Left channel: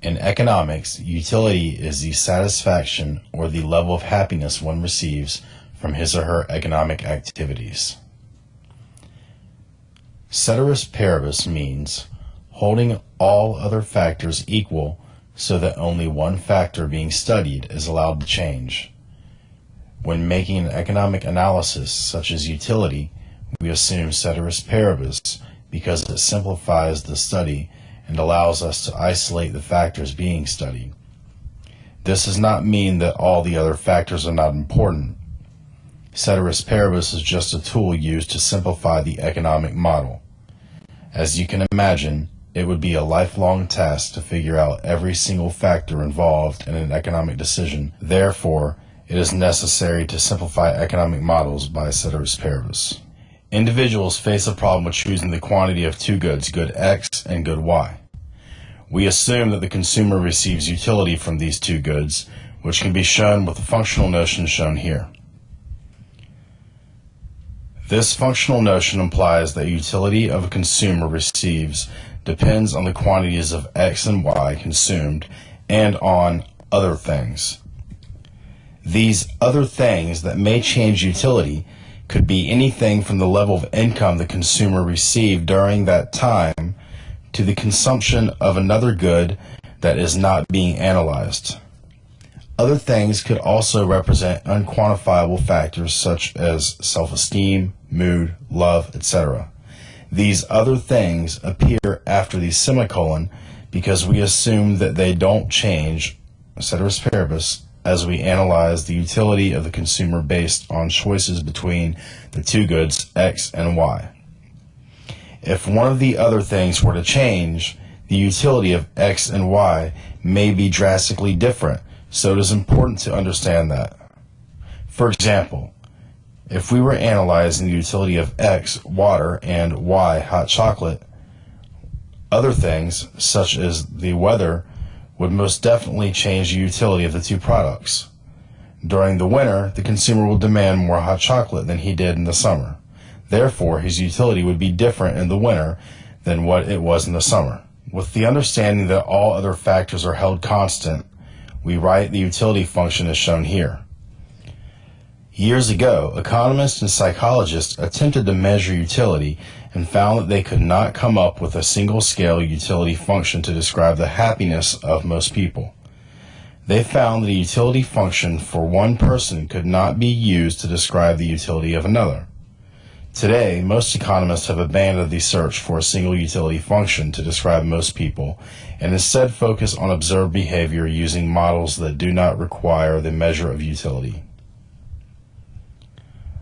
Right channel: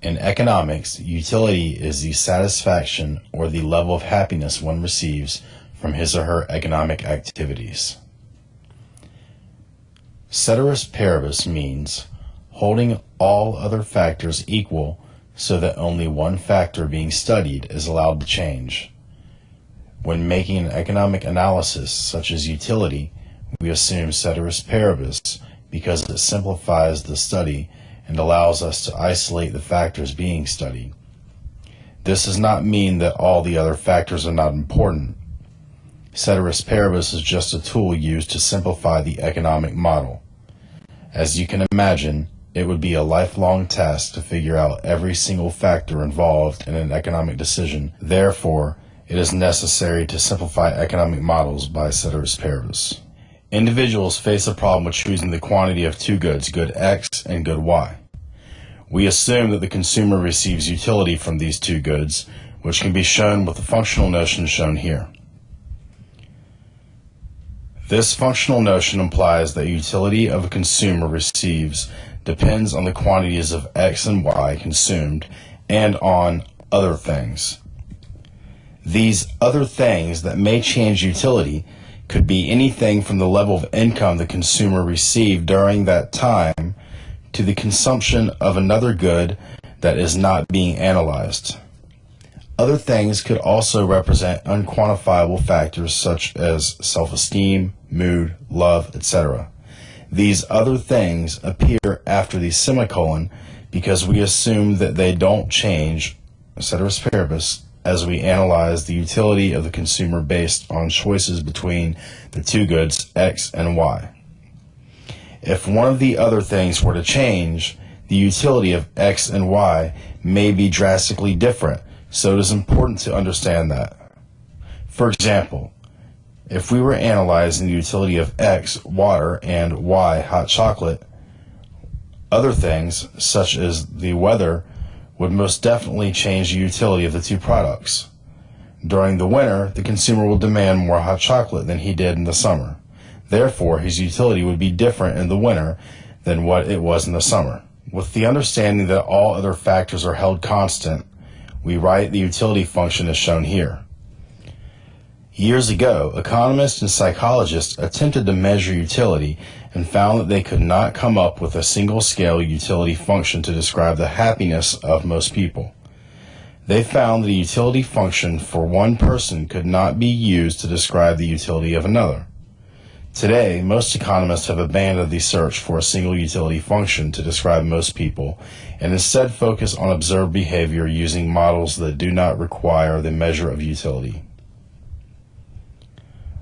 In economics, utility is the satisfaction or the level of happiness one receives from his or her economic activities. Ceteris Paribus means holding all other factors equal so that only one factor being studied is allowed to change. When making an economic analysis such as utility, we assume Ceteris Paribus because it simplifies the study and allows us to isolate the factors being studied. This does not mean that all the other factors are not important. Ceteris Paribus is just a tool used to simplify the economic model. As you can imagine, it would be a lifelong task to figure out every single factor involved in an economic decision. Therefore, it is necessary to simplify economic models by Ceteris Paribus. Individuals face a problem with choosing the quantity of two goods, good X and good Y. We assume that the consumer receives utility from these two goods, which can be shown with the functional notion shown here. This functional notion implies that utility of a consumer receives depends on the quantities of X and Y consumed and on other things. These other things that may change utility could be anything from the level of income the consumer received during that time to the consumption of another good that is not being analyzed. Other things could also represent unquantifiable factors such as self-esteem, mood, love, etc. These other things appear after the semicolon because we assume that they don't change, ceteris paribus, as we analyze the utility of the consumer based on choices between the two goods X and Y. If one of the other things were to change, the utility of X and Y may be drastically different, so it is important to understand that. For example, if we were analyzing the utility of X, water, and Y, hot chocolate, other things, such as the weather, would most definitely change the utility of the two products. During the winter, the consumer will demand more hot chocolate than he did in the summer. Therefore, his utility would be different in the winter than what it was in the summer. With the understanding that all other factors are held constant, we write the utility function as shown here. Years ago, economists and psychologists attempted to measure utility and found that they could not come up with a single-scale utility function to describe the happiness of most people. They found that a utility function for one person could not be used to describe the utility of another. Today, most economists have abandoned the search for a single utility function to describe most people and instead focus on observed behavior using models that do not require the measure of utility.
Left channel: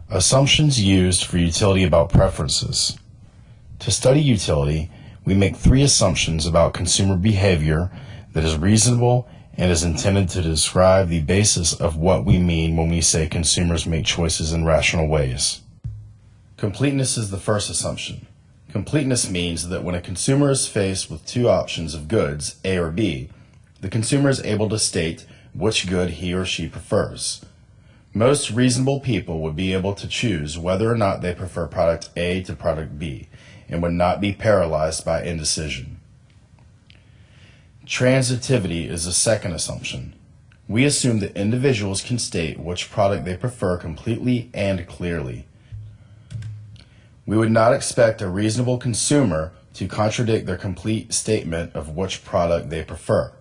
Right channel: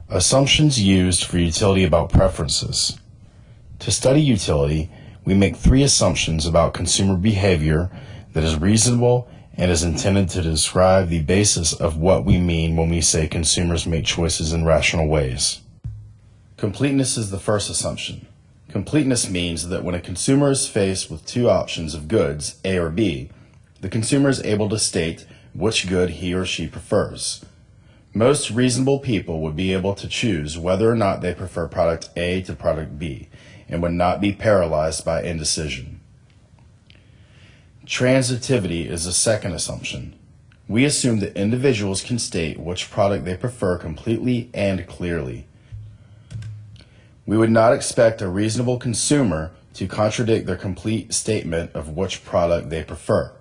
Assumptions used for utility about preferences. To study utility, we make three assumptions about consumer behavior that is reasonable and is intended to describe the basis of what we mean when we say consumers make choices in rational ways. Completeness is the first assumption. Completeness means that when a consumer is faced with two options of goods, A or B, the consumer is able to state which good he or she prefers. Most reasonable people would be able to choose whether or not they prefer product A to product B and would not be paralyzed by indecision. Transitivity is the second assumption. We assume that individuals can state which product they prefer completely and clearly. We would not expect a reasonable consumer to contradict their complete statement of which product they prefer.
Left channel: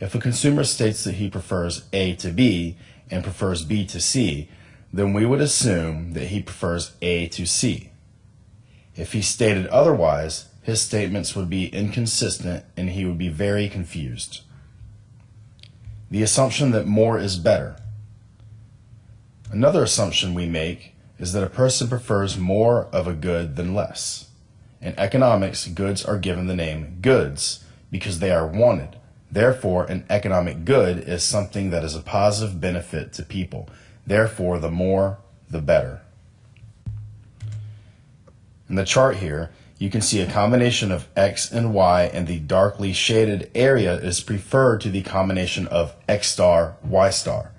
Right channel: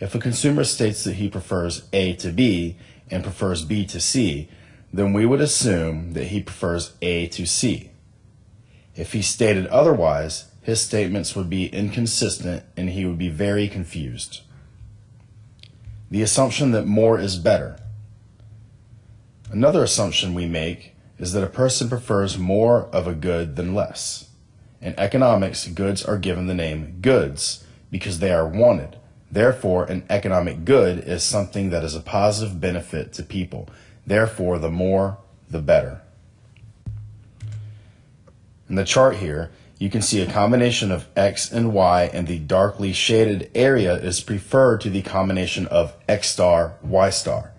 If a consumer states that he prefers A to B and prefers B to C, then we would assume that he prefers A to C. If he stated otherwise, his statements would be inconsistent and he would be very confused. The assumption that more is better. Another assumption we make is that a person prefers more of a good than less. In economics, goods are given the name goods because they are wanted. Therefore, an economic good is something that is a positive benefit to people. Therefore, the more, the better. In the chart here, you can see a combination of X and Y, and the darkly shaded area is preferred to the combination of X star, Y star,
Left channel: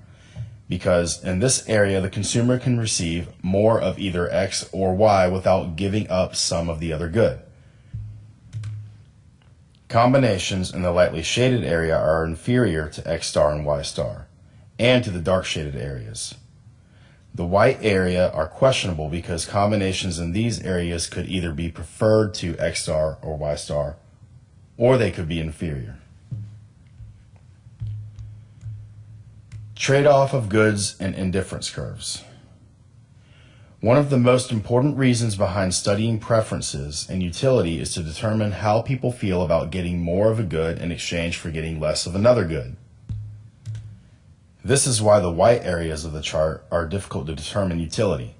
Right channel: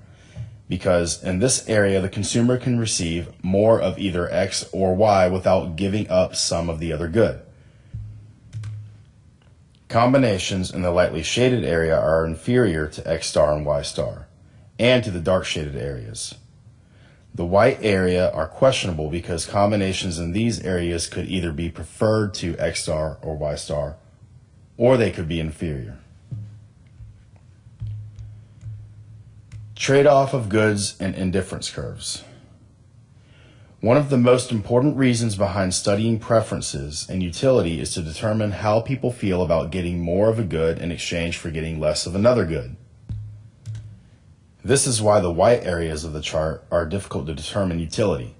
because in this area the consumer can receive more of either X or Y without giving up some of the other good. combinations in the lightly shaded area are inferior to X star and Y star, and to the dark shaded areas. The white area are questionable because combinations in these areas could either be preferred to X star or Y star, or they could be inferior. Trade-off of goods and indifference curves. One of the most important reasons behind studying preferences and utility is to determine how people feel about getting more of a good in exchange for getting less of another good. This is why the white areas of the chart are difficult to determine utility.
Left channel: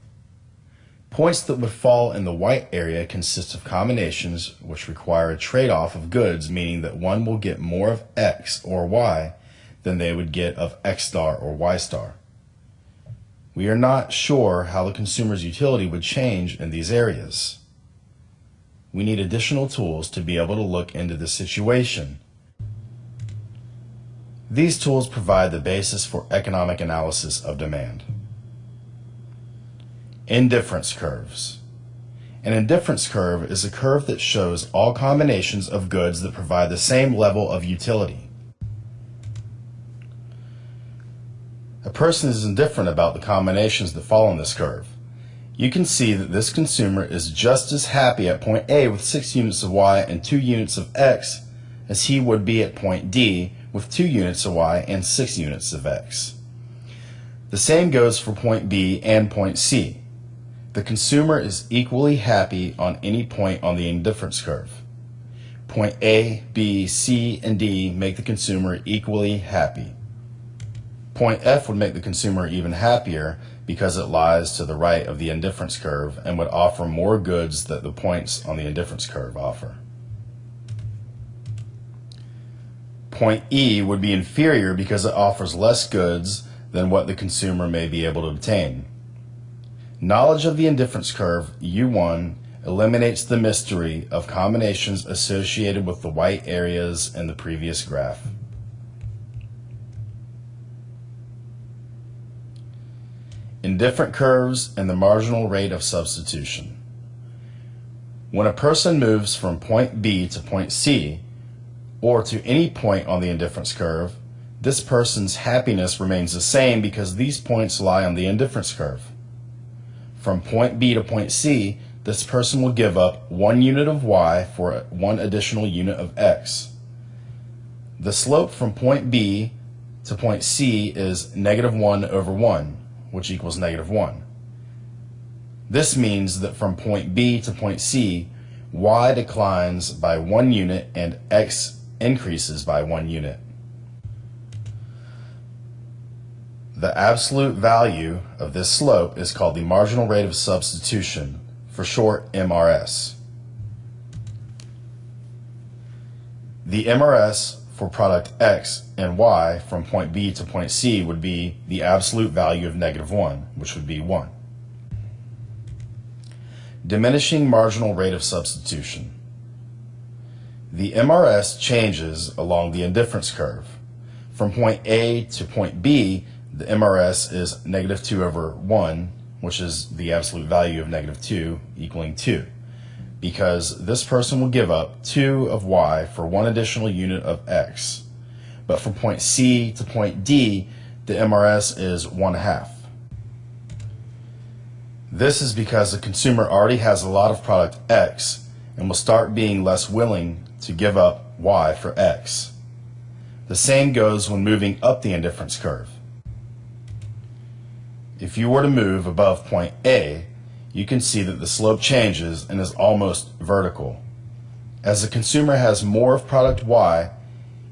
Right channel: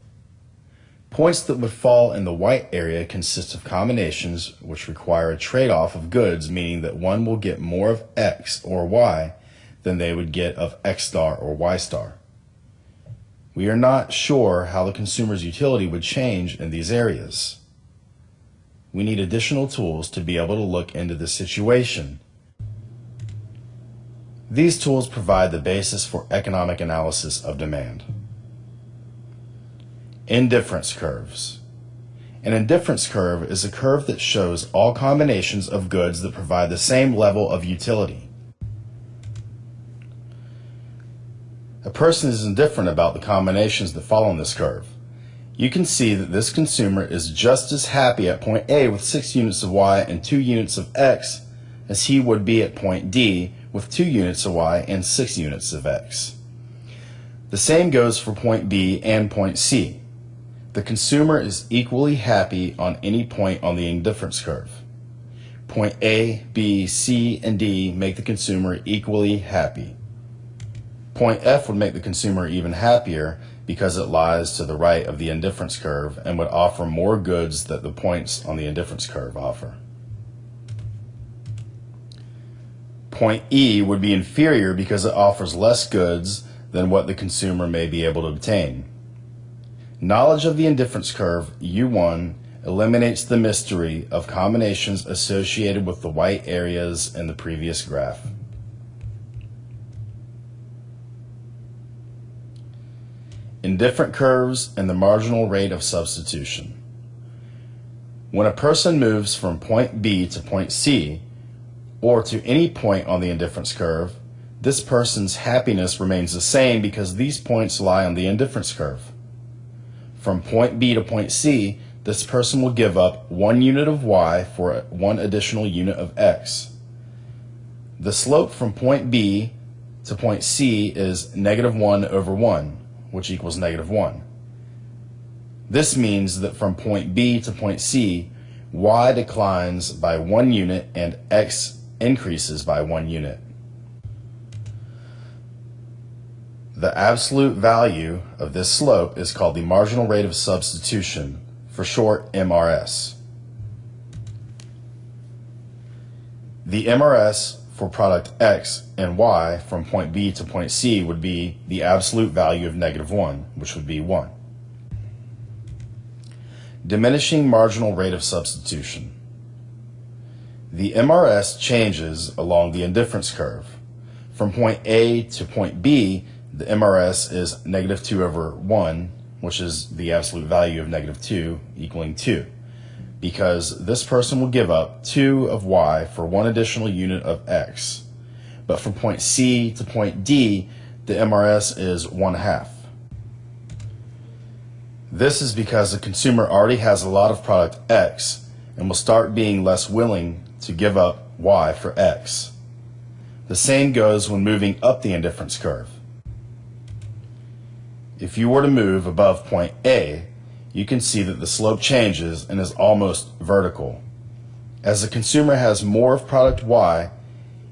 Points that would fall in the white area consist of combinations which require a trade-off of goods, meaning that one will get more of X or Y than they would get of X star or Y star. We are not sure how the consumer's utility would change in these areas. We need additional tools to be able to look into this situation. These tools provide the basis for economic analysis of demand. Indifference curves. An indifference curve is a curve that shows all combinations of goods that provide the same level of utility. A person is indifferent about the combinations that fall in this curve. You can see that this consumer is just as happy at point A with 6 units of Y and 2 units of X as he would be at point D with 2 units of Y and 6 units of X. The same goes for point B and point C. The consumer is equally happy on any point on the indifference curve. Point A, B, C, and D make the consumer equally happy. Point F would make the consumer even happier because it lies to the right of the indifference curve and would offer more goods than the points on the indifference curve offer. Point E would be inferior because it offers less goods than what the consumer may be able to obtain. Knowledge of the indifference curve, U1, eliminates the mystery of combinations associated with the white areas in the previous graph. Indifferent curves and the marginal rate of substitution. When a person moves from point B to point C, or to any point on the indifference curve, this person's happiness remains the same because these points lie on the indifference curve. From point B to point C, this person will give up 1 unit of Y for 1 additional unit of X. The slope from point B to point C is -1 over 1, which equals -1. This means that from point B to point C, Y declines by 1 unit and X increases by 1 unit. The absolute value of this slope is called the marginal rate of substitution, for short MRS. The MRS for product X and Y from point B to point C would be the absolute value of -1, which would be 1. Diminishing marginal rate of substitution. The MRS changes along the indifference curve. From point A to point B, the MRS is -2 over 1, which is the absolute value of -2, equaling 2. Because this person will give up 2 of Y for 1 additional unit of X. But from point C to point D, the MRS is 1/2. This is because the consumer already has a lot of product X and will start being less willing to give up Y for X. The same goes when moving up the indifference curve. If you were to move above point A, you can see that the slope changes and is almost vertical. As the consumer has more of product Y,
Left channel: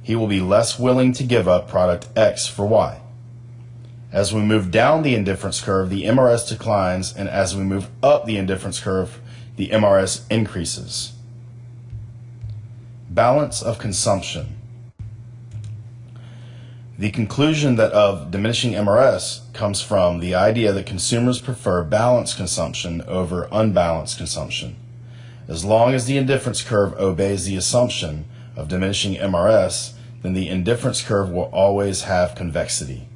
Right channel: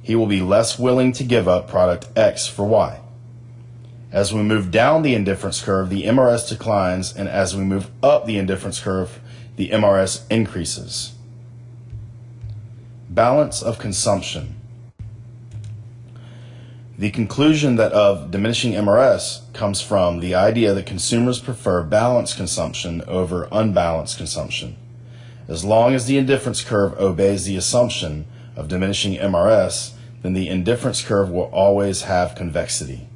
he will be less willing to give up product X for Y. As we move down the indifference curve, the MRS declines, and as we move up the indifference curve, the MRS increases. Balance of consumption. The conclusion that of diminishing MRS comes from the idea that consumers prefer balanced consumption over unbalanced consumption. As long as the indifference curve obeys the assumption of diminishing MRS, then the indifference curve will always have convexity.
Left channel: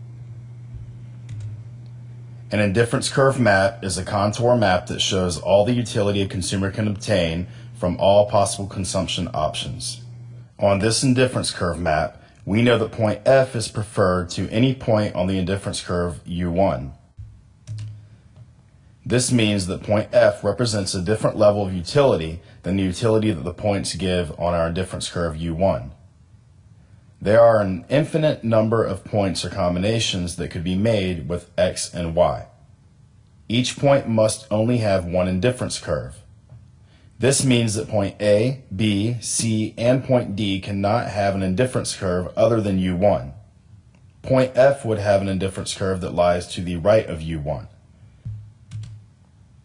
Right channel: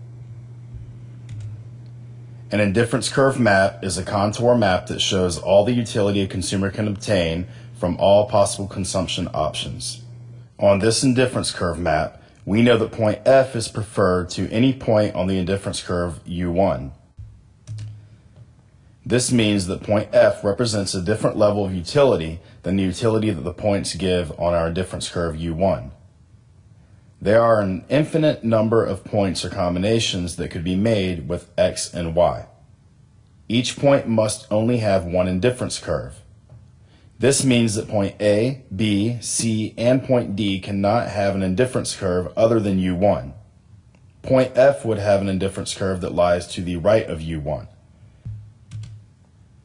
An indifference curve map is a contour map that shows all the utility a consumer can obtain from all possible consumption options. On this indifference curve map, we know that point F is preferred to any point on the indifference curve U1. This means that point F represents a different level of utility than the utility that the points give on our indifference curve U1. There are an infinite number of points or combinations that could be made with X and Y. Each point must only have one indifference curve. This means that point A, B, C, and point D cannot have an indifference curve other than U1. Point F would have an indifference curve that lies to the right of U1.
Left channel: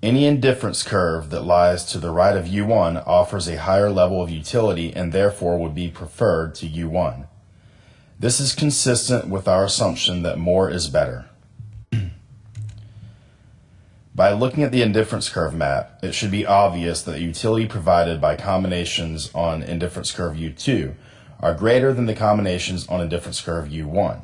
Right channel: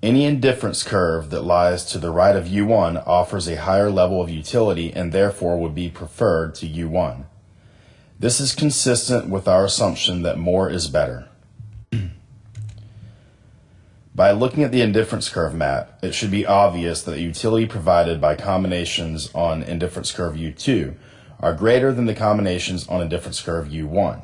Any indifference curve that lies to the right of U1 offers a higher level of utility and therefore would be preferred to U1. This is consistent with our assumption that more is better. By looking at the indifference curve map, it should be obvious that the utility provided by combinations on indifference curve U2 are greater than the combinations on indifference curve U1,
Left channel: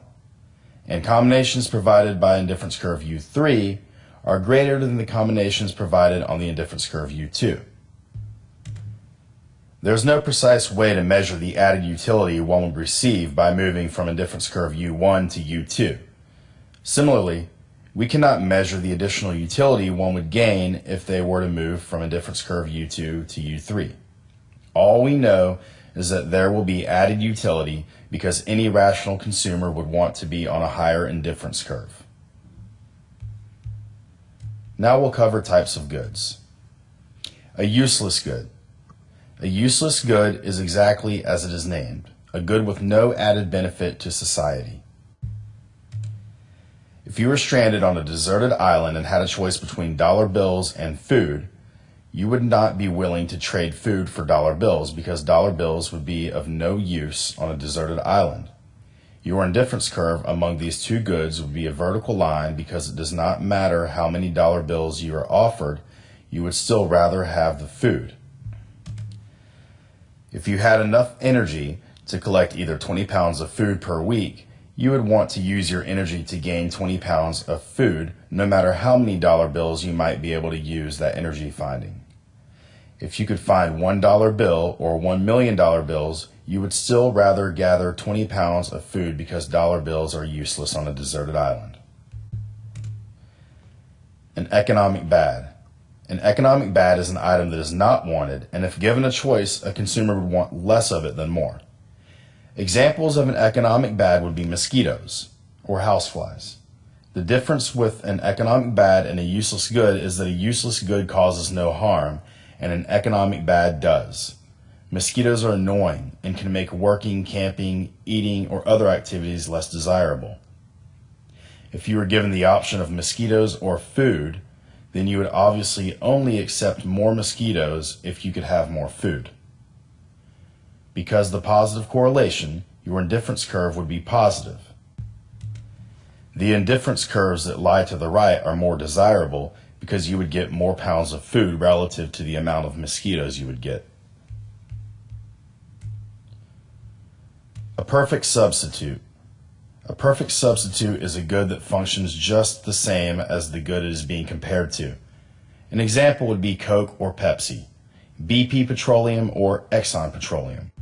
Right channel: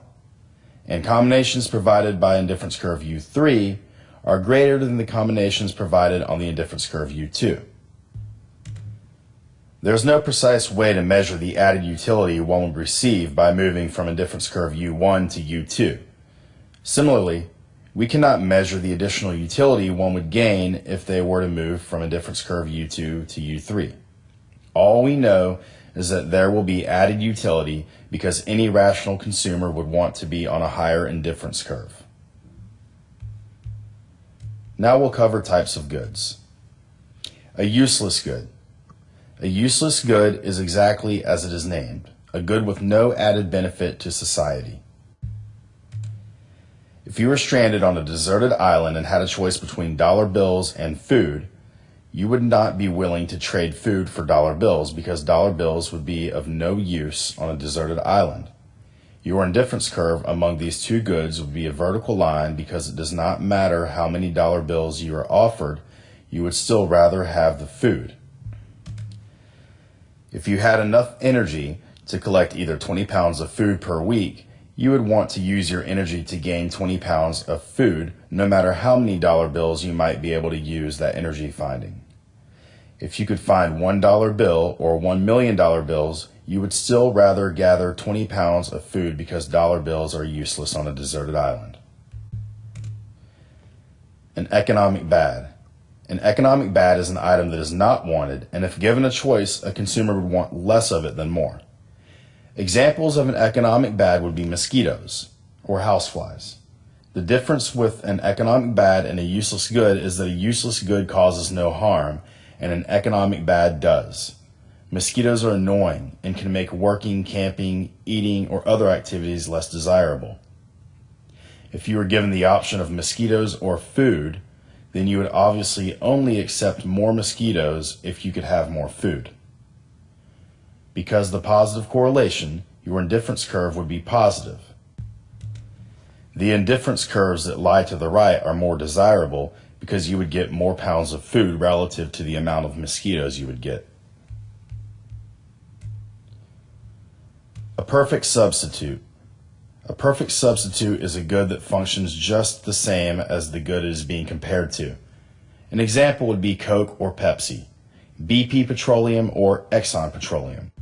and combinations provided by indifference curve U3 are greater than the combinations provided on the indifference curve U2. There is no precise way to measure the added utility one would receive by moving from indifference curve U1 to U2. Similarly, we cannot measure the additional utility one would gain if they were to move from indifference curve U2 to U3. All we know is that there will be added utility because any rational consumer would want to be on a higher indifference curve. Now we'll cover types of goods. A useless good. A useless good is exactly as it is named, a good with no added benefit to society. If you were stranded on a deserted island and had a choice between dollar bills and food, you would not be willing to trade food for dollar bills because dollar bills would be of no use on a deserted island. Your indifference curve among these two goods would be a vertical line because it does not matter how many dollar bills you are offered, you would still rather have the food. If you had enough energy to collect either 20 pounds of food per week, you would want to use your energy to gain 20 pounds of food, no matter how many dollar bills you might be able to use that energy finding. If you could find $1 bill or $1 million bills, you would still rather gather 20 pounds of food because dollar bills are useless on a deserted island. An economic bad. An economic bad is an item that is not wanted, and if given a choice, a consumer would want less of it than more. Examples of an economic bad would be mosquitoes or houseflies. The difference with an economic bad and a useless good is that a useless good causes no harm, and an economic bad does. Mosquitoes are annoying and can make working, camping, eating, or other activities less desirable. If you were given the option of mosquitoes or food, then you would obviously only accept more mosquitoes if you could have more food. Because the positive correlation, your indifference curve would be positive. The indifference curves that lie to the right are more desirable because you would get more pounds of food relative to the amount of mosquitoes you would get. A perfect substitute. A perfect substitute is a good that functions just the same as the good it is being compared to. An example would be Coke or Pepsi, BP Petroleum or Exxon Petroleum.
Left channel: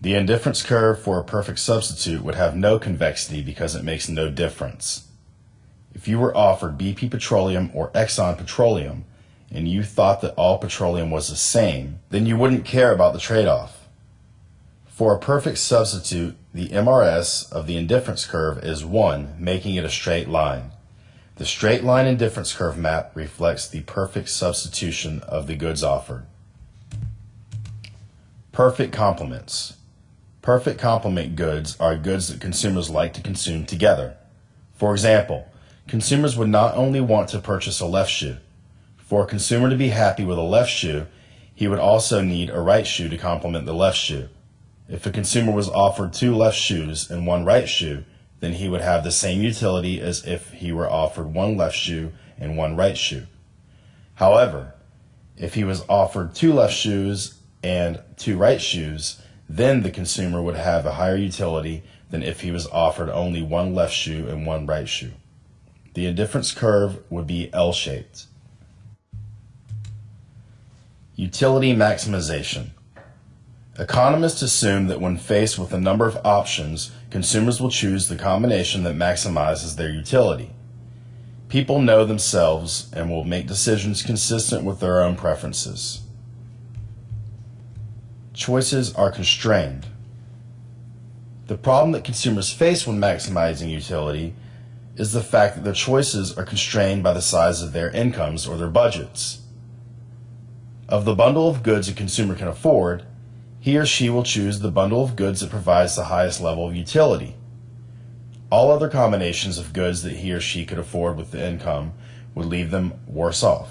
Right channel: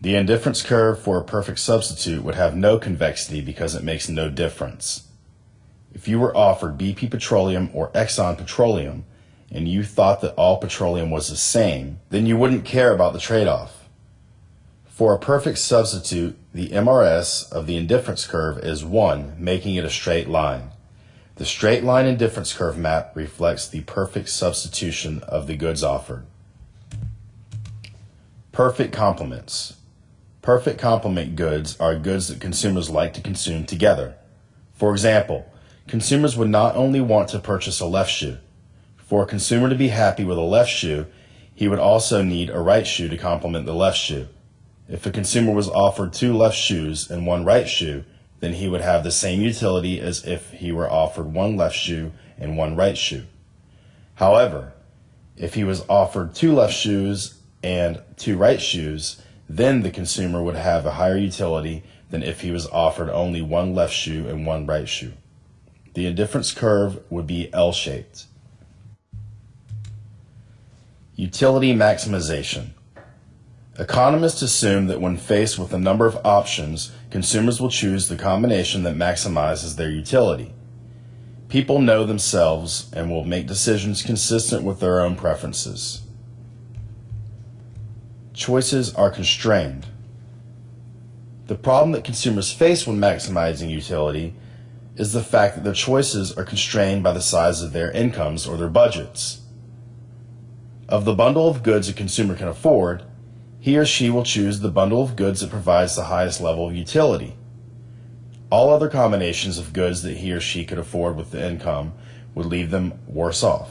The indifference curve for a perfect substitute would have no convexity because it makes no difference. If you were offered BP Petroleum or Exxon Petroleum and you thought that all petroleum was the same, then you wouldn't care about the trade-off. For a perfect substitute, the MRS of the indifference curve is 1, making it a straight line. The straight line indifference curve map reflects the perfect substitution of the goods offered. Perfect complements. Perfect complement goods are goods that consumers like to consume together. For example, consumers would not only want to purchase a left shoe. For a consumer to be happy with a left shoe, he would also need a right shoe to complement the left shoe. If a consumer was offered 2 left shoes and 1 right shoe, then he would have the same utility as if he were offered 1 left shoe and 1 right shoe. However, if he was offered 2 left shoes and 2 right shoes, then the consumer would have a higher utility than if he was offered only 1 left shoe and 1 right shoe. The indifference curve would be L-shaped. Utility maximization. Economists assume that when faced with a number of options, consumers will choose the combination that maximizes their utility. People know themselves and will make decisions consistent with their own preferences. Choices are constrained. The problem that consumers face when maximizing utility is the fact that their choices are constrained by the size of their incomes or their budgets. Of the bundle of goods a consumer can afford, he or she will choose the bundle of goods that provides the highest level of utility. All other combinations of goods that he or she could afford with the income would leave them worse off.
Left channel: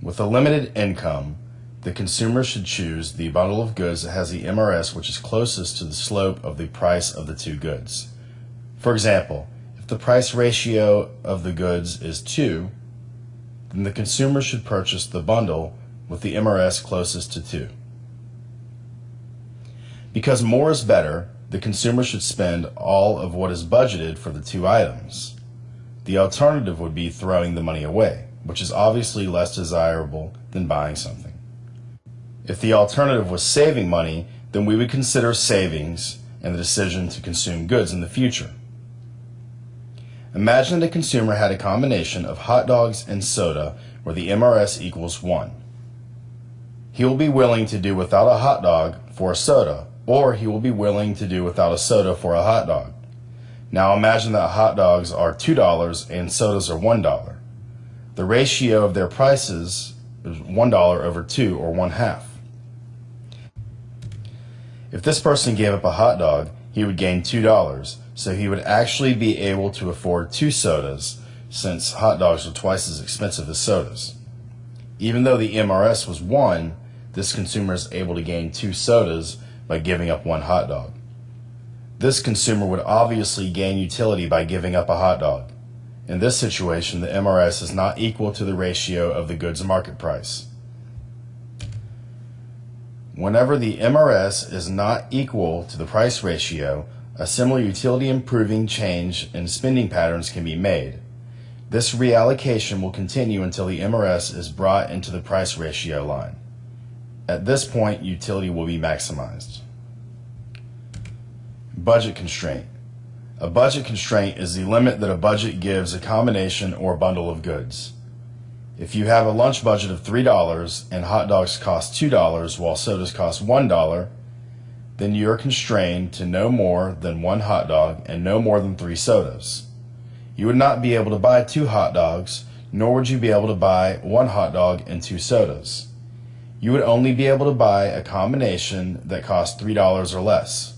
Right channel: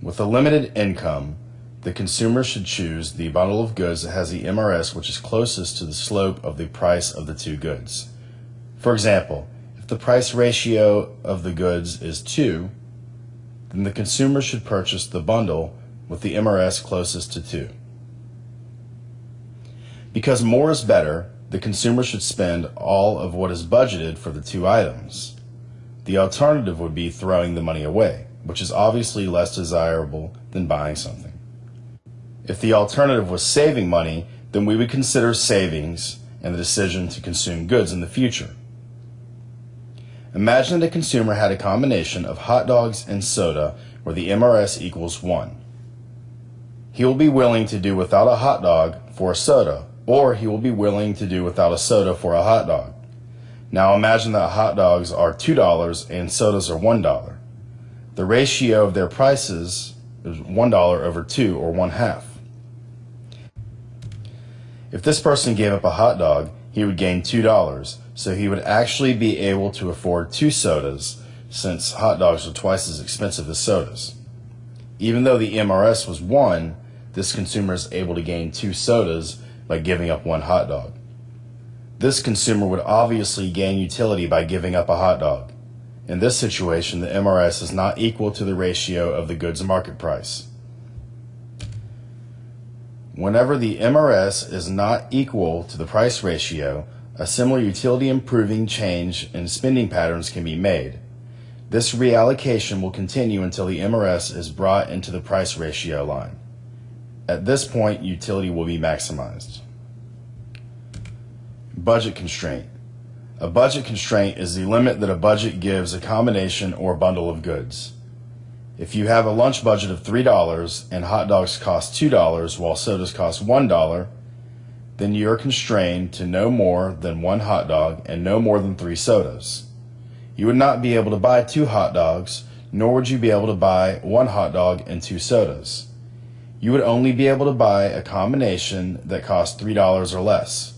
With a limited income, the consumer should choose the bundle of goods that has the MRS which is closest to the slope of the price of the two goods. For example, if the price ratio of the goods is 2, then the consumer should purchase the bundle with the MRS closest to 2. Because more is better, the consumer should spend all of what is budgeted for the two items. The alternative would be throwing the money away, which is obviously less desirable than buying something. If the alternative was saving money, then we would consider savings and the decision to consume goods in the future. Imagine that a consumer had a combination of hot dogs and soda where the MRS equals 1. He will be willing to do without a hot dog for a soda, or he will be willing to do without a soda for a hot dog. Now imagine that hot dogs are $2 and sodas are $1. The ratio of their prices is $1 over 2, or 1/2. If this person gave up a hot dog, he would gain $2, so he would actually be able to afford 2 sodas, since hot dogs are twice as expensive as sodas. Even though the MRS was 1, this consumer is able to gain 2 sodas by giving up 1 hot dog. This consumer would obviously gain utility by giving up a hot dog. In this situation, the MRS is not equal to the ratio of the goods market price. Whenever the MRS is not equal to the price ratio, a similar utility improving change in spending patterns can be made. This reallocation will continue until the MRS is brought into the price ratio line. At this point, utility will be maximized. Budget constraint. A budget constraint is the limit that a budget gives a combination or bundle of goods. If you have a lunch budget of $3 and hot dogs cost $2 while sodas cost $1, then you're constrained to no more than 1 hot dog and no more than 3 sodas. You would not be able to buy 2 hot dogs, nor would you be able to buy 1 hot dog and 2 sodas. You would only be able to buy a combination that costs $3 or less.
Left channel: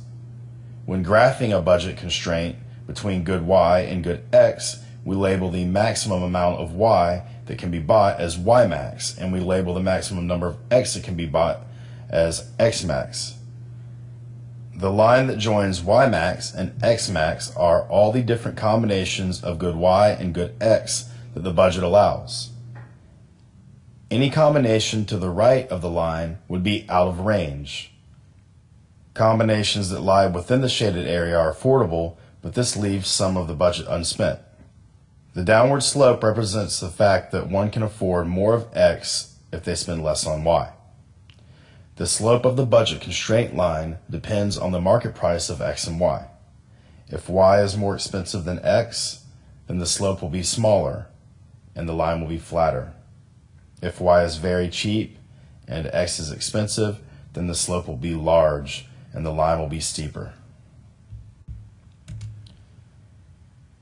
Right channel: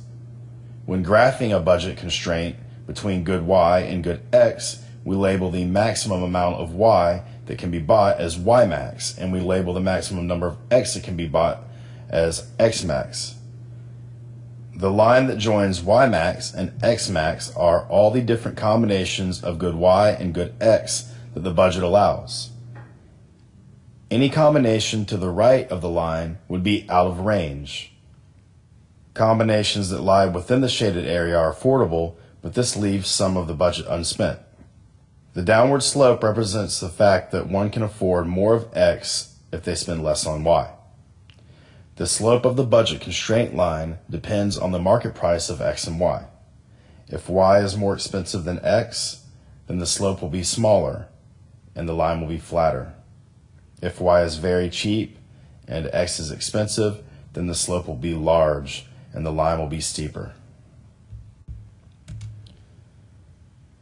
When graphing a budget constraint between good Y and good X, we label the maximum amount of Y that can be bought as Y max, and we label the maximum number of X that can be bought as X max. The line that joins Y max and X max are all the different combinations of good Y and good X that the budget allows. Any combination to the right of the line would be out of range. Combinations that lie within the shaded area are affordable, but this leaves some of the budget unspent. The downward slope represents the fact that one can afford more of X if they spend less on Y. The slope of the budget constraint line depends on the market price of X and Y. If Y is more expensive than X, then the slope will be smaller and the line will be flatter. If Y is very cheap and X is expensive, then the slope will be large and the line will be steeper.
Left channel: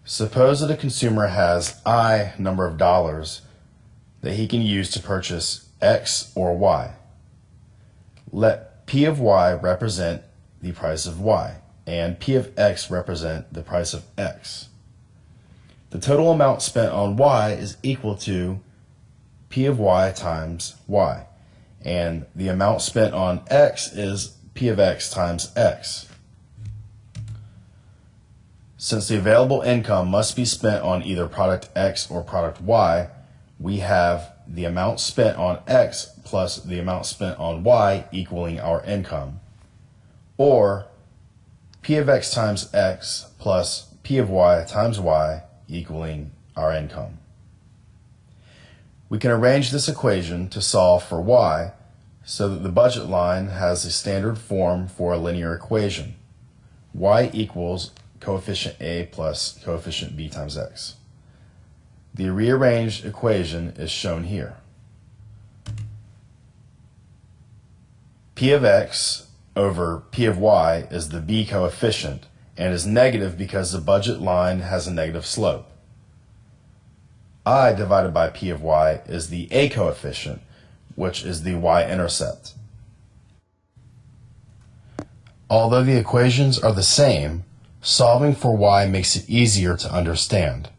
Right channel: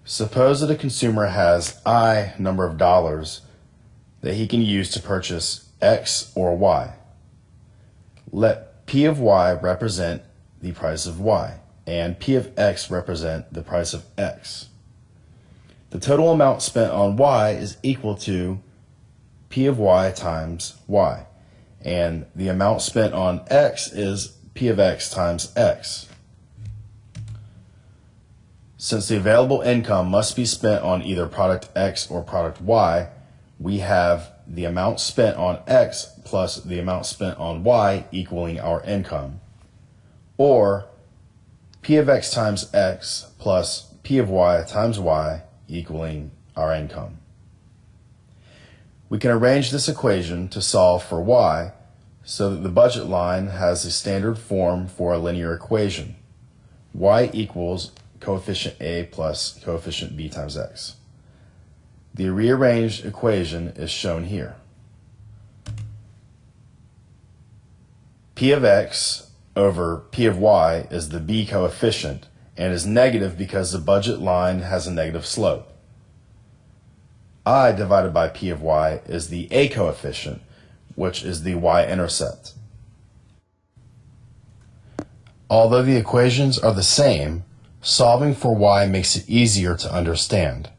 Suppose that a consumer has I number of dollars that he can use to purchase X or Y. Let P of Y represent the price of Y, and P of X represent the price of X. The total amount spent on Y is equal to P of Y times Y, and the amount spent on X is P of X times X. Since the available income must be spent on either product X or product Y, we have the amount spent on X plus the amount spent on Y equaling our income, or P of X times X plus P of Y times Y equaling our income. We can arrange this equation to solve for Y so that the budget line has a standard form for a linear equation. Y equals coefficient A plus coefficient B times X. The rearranged equation is shown here. P of X over P of Y is the B coefficient and is negative because the budget line has a negative slope. I divided by P of Y is the A coefficient, which is the y-intercept. Although the equations are the same, solving for y makes it easier to understand.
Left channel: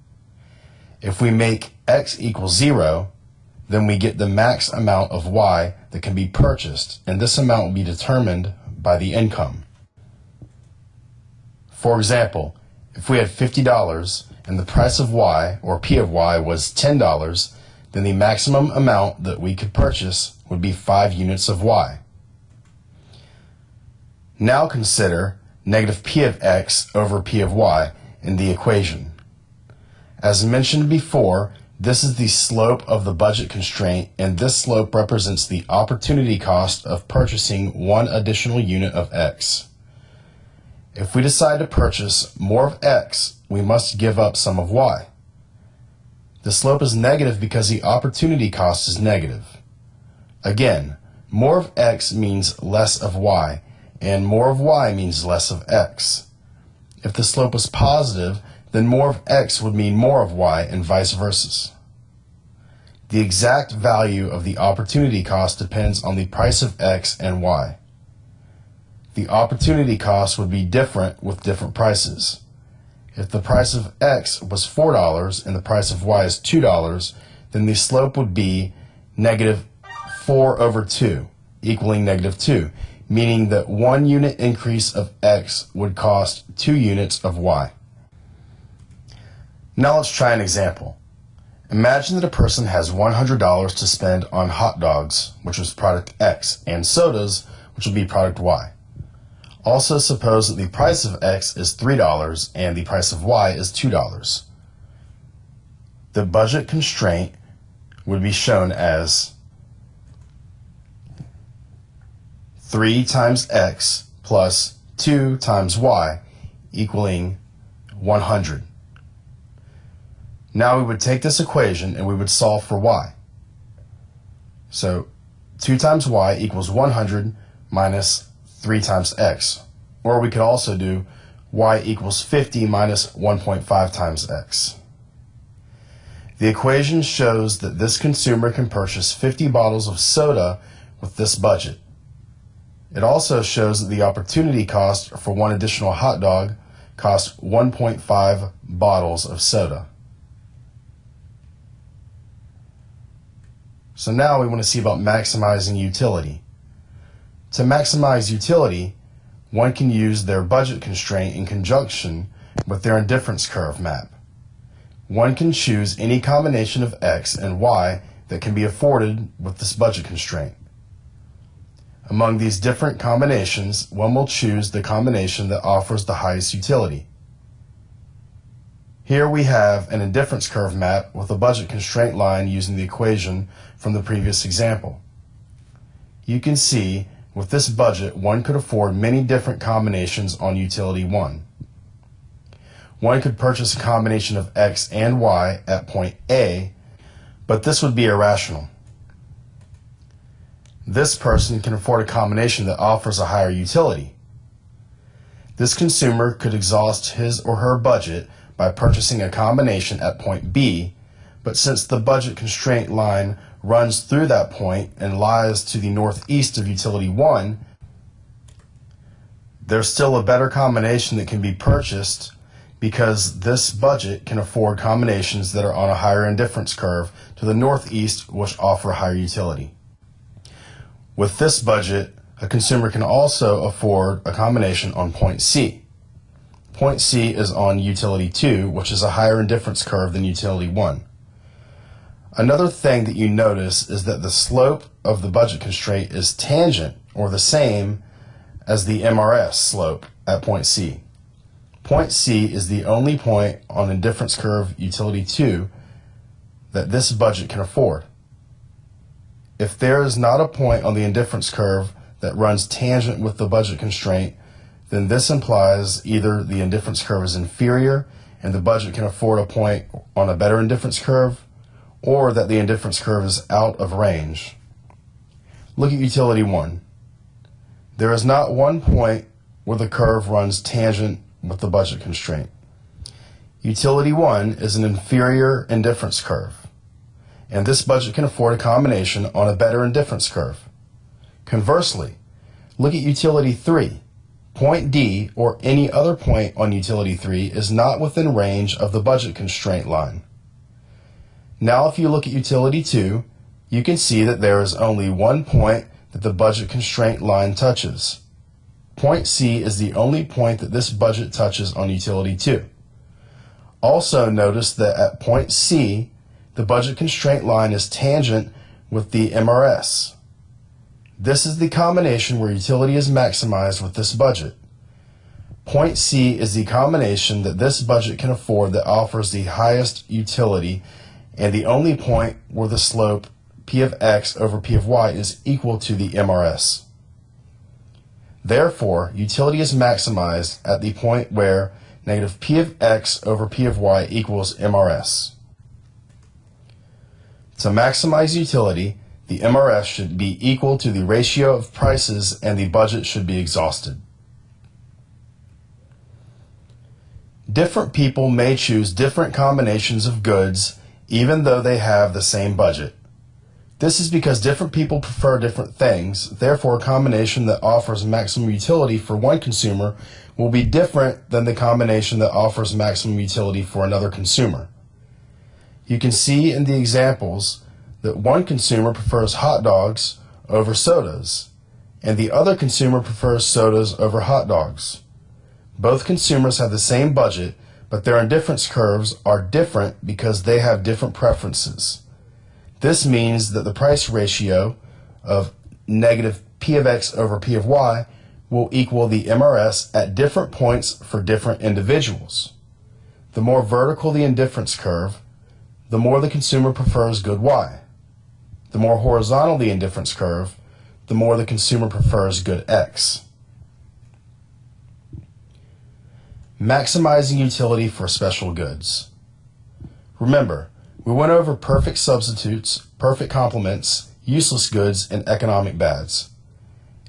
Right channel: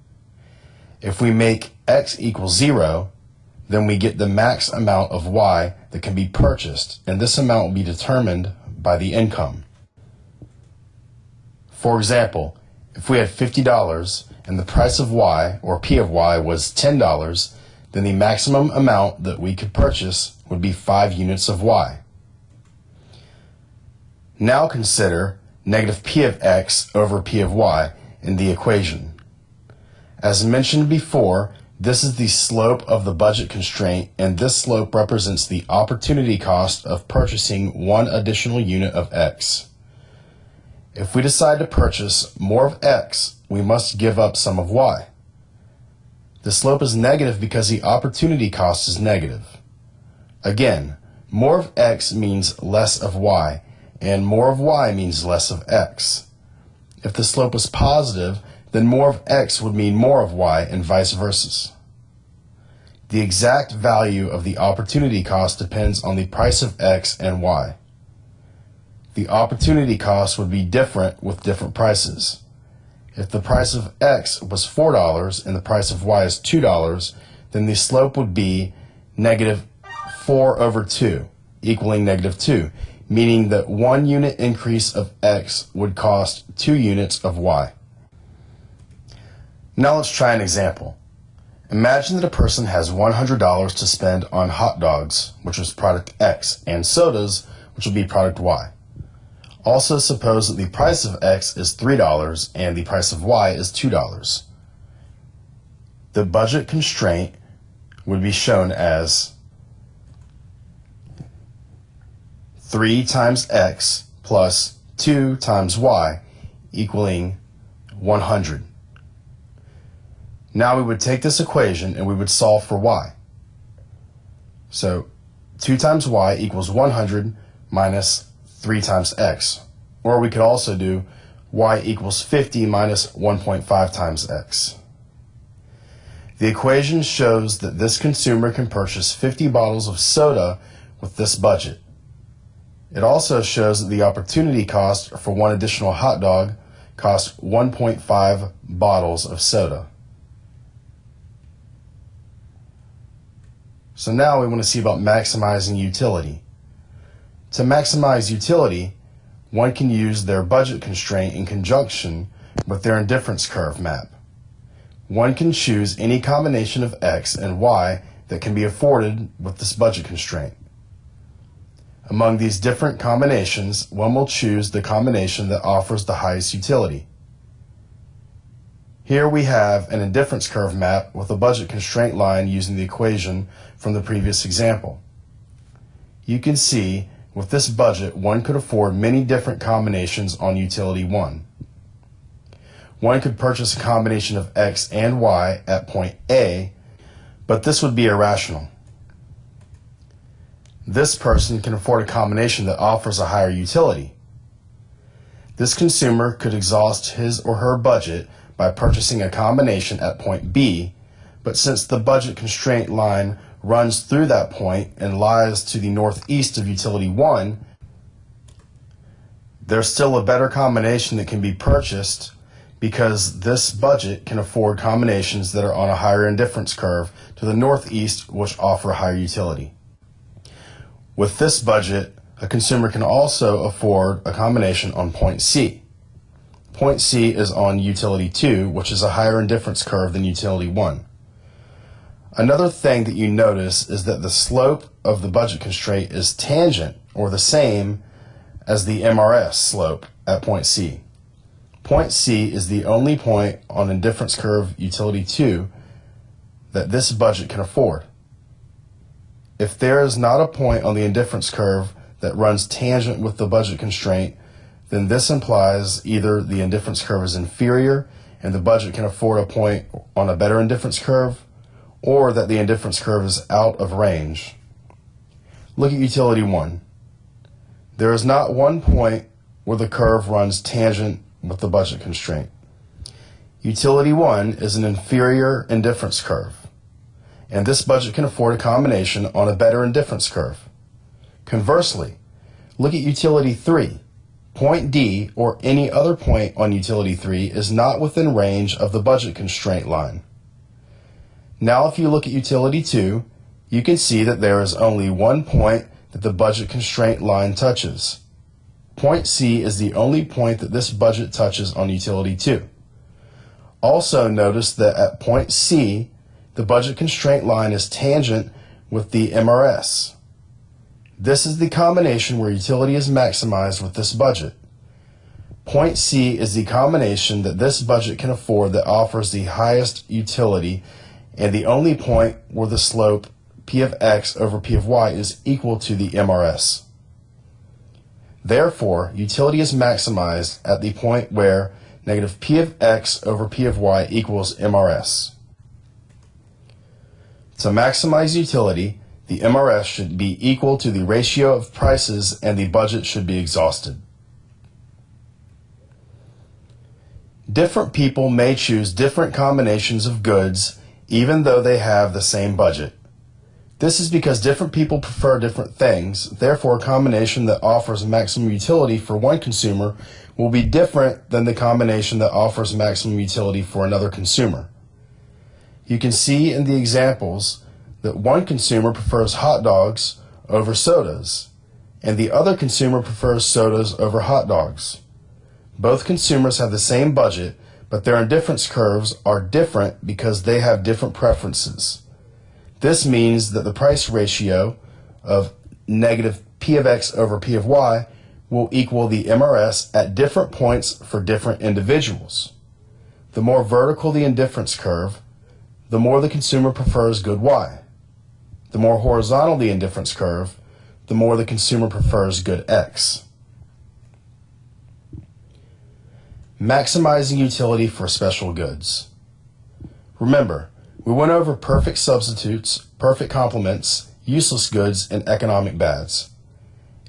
If we make x equals 0, then we get the max amount of y that can be purchased, and this amount will be determined by the income. For example, if we had $50 and the price of y, or P of y, was $10, then the maximum amount that we could purchase would be 5 units of y. Now consider negative P of x over P of y in the equation. As mentioned before, this is the slope of the budget constraint, and this slope represents the opportunity cost of purchasing one additional unit of x. If we decide to purchase more of x, we must give up some of y. The slope is negative because the opportunity cost is negative. Again, more of x means less of y, and more of y means less of x. If the slope was positive, then more of x would mean more of y, and vice versa. The exact value of the opportunity cost depends on the price of x and y. The opportunity cost would be different with different prices. If the price of x was $4 and the price of y is $2, then the slope would be negative 4 over 2, equaling negative 2, meaning that 1 unit increase of x would cost 2 units of y. Now let's try an example. Imagine that a person has $100 to spend on hot dogs, which is product X, and sodas, which would be product Y. Also suppose that the price of X is $3 and the price of Y is $2. The budget constraint would be shown as 3 times X plus 2 times Y equaling 100. Now we would take this equation and we would solve for y. So 2 times y equals 100 minus 3 times x. Or we could also do y equals 50 minus 1.5 times x. The equation shows that this consumer can purchase 50 bottles of soda with this budget. It also shows that the opportunity cost for one additional hot dog costs 1.5 bottles of soda. So now we want to see about maximizing utility. To maximize utility, one can use their budget constraint in conjunction with their indifference curve map. One can choose any combination of x and y that can be afforded with this budget constraint. Among these different combinations, one will choose the combination that offers the highest utility. Here we have an indifference curve map with a budget constraint line using the equation from the previous example. You can see with this budget one could afford many different combinations on utility 1. One could purchase a combination of x and y at point A, but this would be irrational. This person can afford a combination that offers a higher utility. This consumer could exhaust his or her budget by purchasing a combination at point B, but since the budget constraint line runs through that point and lies to the northeast of utility 1, there's still a better combination that can be purchased because this budget can afford combinations that are on a higher indifference curve to the northeast, which offer higher utility. With this budget, a consumer can also afford a combination on point C. Point C is on utility 2, which is a higher indifference curve than utility 1. Another thing that you notice is that the slope of the budget constraint is tangent, or the same as the MRS slope at point C. Point C is the only point on indifference curve utility 2 that this budget can afford. If there is not a point on the indifference curve that runs tangent with the budget constraint, then this implies either the indifference curve is inferior and the budget can afford a point on a better indifference curve, or that the indifference curve is out of range. Look at utility 1. There is not one point where the curve runs tangent with the budget constraint. Utility 1 is an inferior indifference curve, and this budget can afford a combination on a better indifference curve. Conversely, look at utility 3. Point D, or any other point on utility 3, is not within range of the budget constraint line. Now if you look at utility 2, you can see that there is only one point that the budget constraint line touches. Point C is the only point that this budget touches on utility 2. Also notice that at point C, the budget constraint line is tangent with the MRS. This is the combination where utility is maximized with this budget. Point C is the combination that this budget can afford that offers the highest utility, and the only point where the slope P of X over P of Y is equal to the MRS. Therefore, utility is maximized at the point where negative P of X over P of Y equals MRS. To maximize utility, the MRS should be equal to the ratio of prices and the budget should be exhausted. Different people may choose different combinations of goods even though they have the same budget. This is because different people prefer different things, therefore a combination that offers maximum utility for one consumer will be different than the combination that offers maximum utility for another consumer. You can see in the examples that one consumer prefers hot dogs over sodas, and the other consumer prefers sodas over hot dogs. Both consumers have the same budget, but their indifference curves are different because they have different preferences. This means that the price ratio of negative P of X over P of Y will equal the MRS at different points for different individuals. The more vertical the indifference curve, the more the consumer prefers good Y. The more horizontal the indifference curve, the more the consumer prefers good X. Maximizing utility for special goods. Remember, we went over perfect substitutes, perfect complements, useless goods, and economic bads.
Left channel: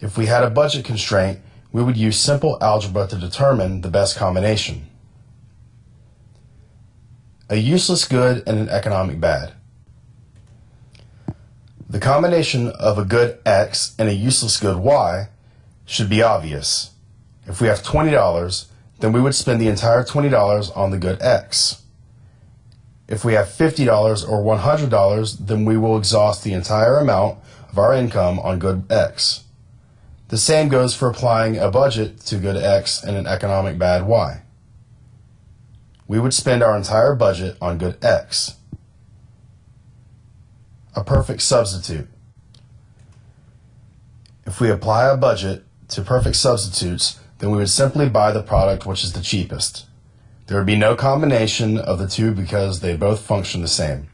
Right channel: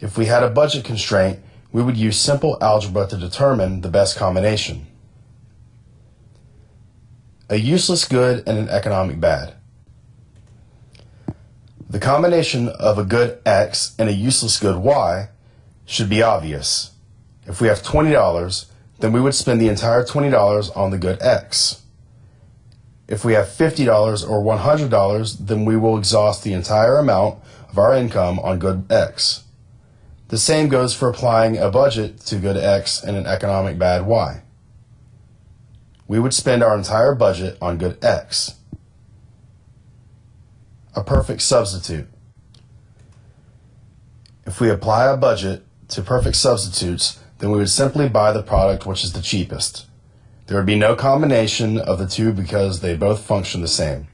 If we had a budget constraint, we would use simple algebra to determine the best combination. A useless good and an economic bad. The combination of a good X and a useless good Y should be obvious. If we have $20, then we would spend the entire $20 on the good X. If we have $50 or $100, then we will exhaust the entire amount of our income on good X. The same goes for applying a budget to good X and an economic bad Y. We would spend our entire budget on good X. A perfect substitute. If we apply a budget to perfect substitutes, then we would simply buy the product which is the cheapest. There would be no combination of the two because they both function the same.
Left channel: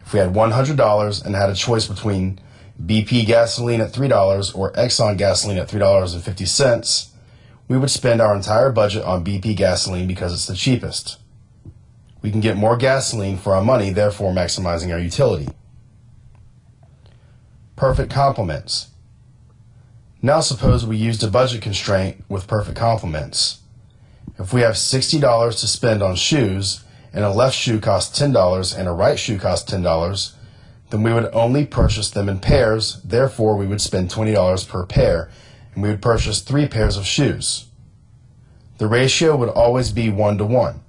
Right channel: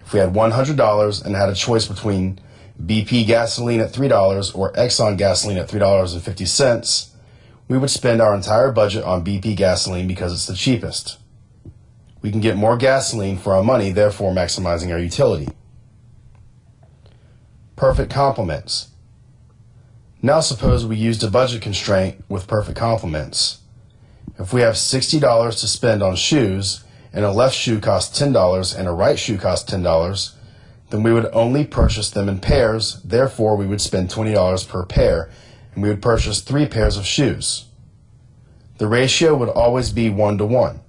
If we had $100 and had a choice between BP gasoline at $3 or Exxon gasoline at $3.50, we would spend our entire budget on BP gasoline because it's the cheapest. We can get more gasoline for our money, therefore maximizing our utility. Perfect complements. Now suppose we used a budget constraint with perfect complements. If we have $60 to spend on shoes, and a left shoe costs $10 and a right shoe costs $10, then we would only purchase them in pairs, therefore we would spend $20 per pair, and we would purchase 3 pairs of shoes. The ratio would always be 1-to-1.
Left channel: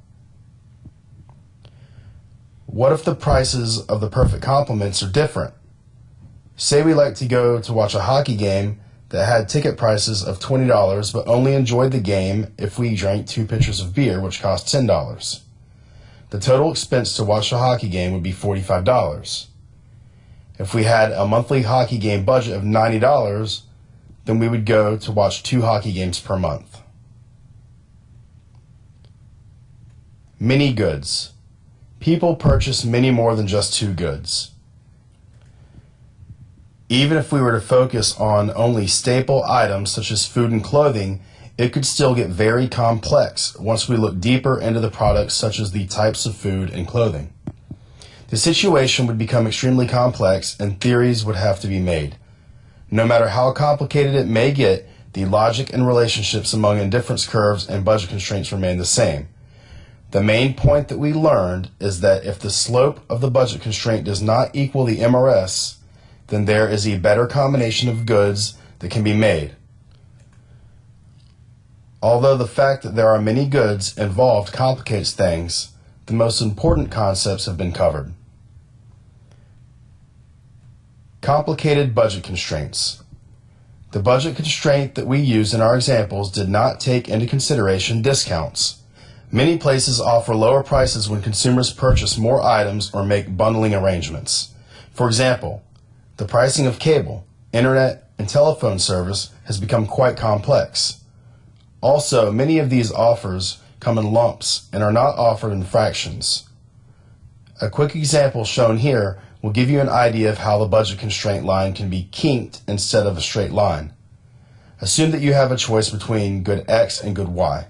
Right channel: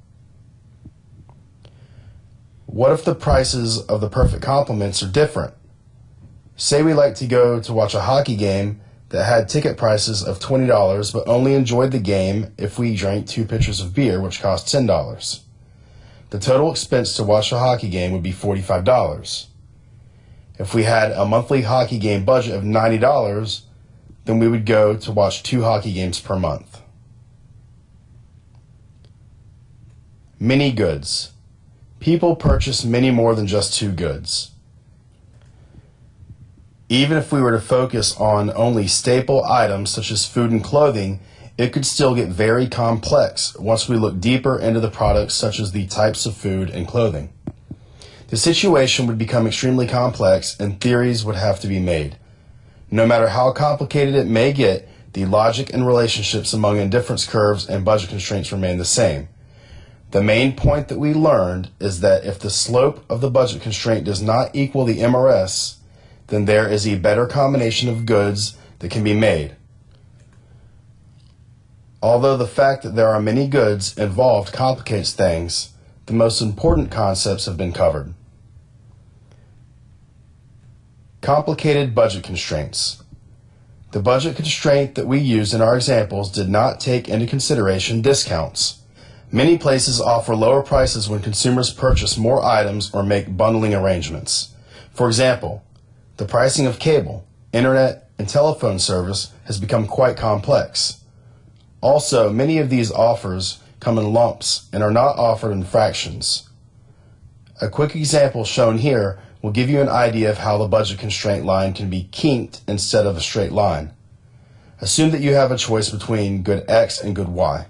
What if the prices of the perfect complements are different? Say we like to go to watch a hockey game that had ticket prices of $20 but only enjoyed the game if we drank 2 pitchers of beer, which cost $10. The total expense to watch a hockey game would be $45. If we had a monthly hockey game budget of $90, then we would go to watch 2 hockey games per month. Many goods. People purchase many more than just 2 goods. Even if we were to focus on only staple items such as food and clothing, it could still get very complex once we look deeper into the products such as the types of food and clothing. The situation would become extremely complex and theories would have to be made. No matter how complicated it may get, the logic and relationships among indifference curves and budget constraints remain the same. The main point that we learned is that if the slope of the budget constraint does not equal the MRS, then there is a better combination of goods that can be made. Although the fact that there are many goods involved complicates things, the most important concepts have been covered. Complicated budget constraints. The budget constraint that we used in our examples did not take into consideration discounts. Many places offer lower prices when consumers purchase more items or make bundling arrangements. For example, the pricing of cable, internet, and telephone service has become quite complex. Also, many of these offers come in lumps and are not offered in fractions. A quick example shown here will give you an idea of how the budget constraint line can be kinked instead of a straight line. Assume that you have a choice between good X and good Y.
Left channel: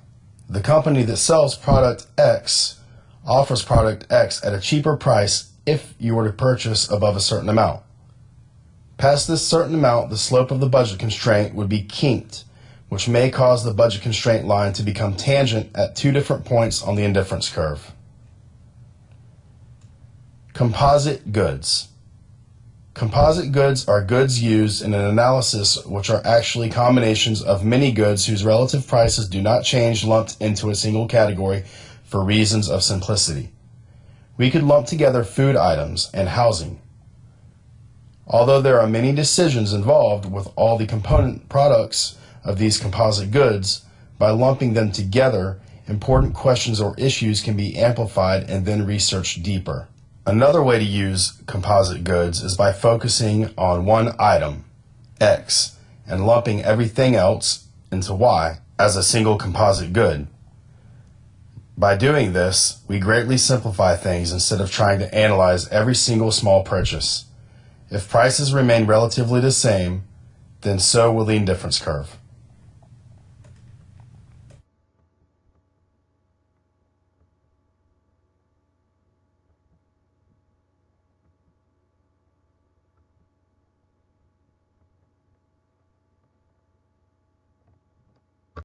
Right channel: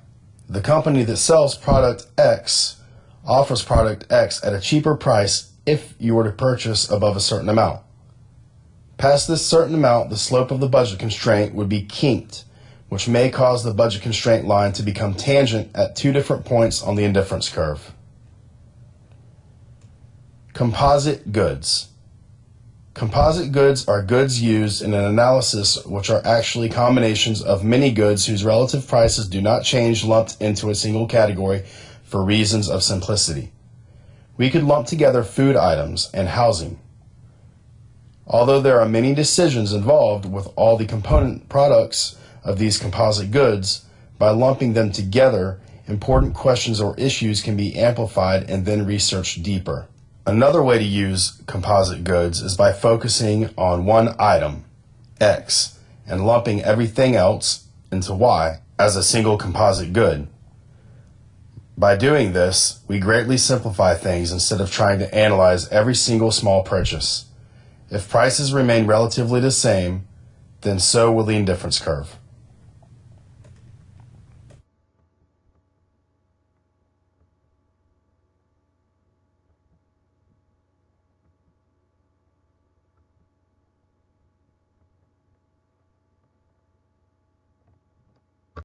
The company that sells product X offers product X at a cheaper price if you were to purchase above a certain amount. Past this certain amount, the slope of the budget constraint would be kinked, which may cause the budget constraint line to become tangent at two different points on the indifference curve. Composite goods. Composite goods are goods used in an analysis which are actually combinations of many goods whose relative prices do not change lumped into a single category for reasons of simplicity. We could lump together food items and housing. Although there are many decisions involved with all the component products of these composite goods, by lumping them together, important questions or issues can be amplified and then researched deeper. Another way to use composite goods is by focusing on one item, X, and lumping everything else into Y as a single composite good. By doing this, we greatly simplify things instead of trying to analyze every single small purchase. If prices remain relatively the same, then so will the indifference curve.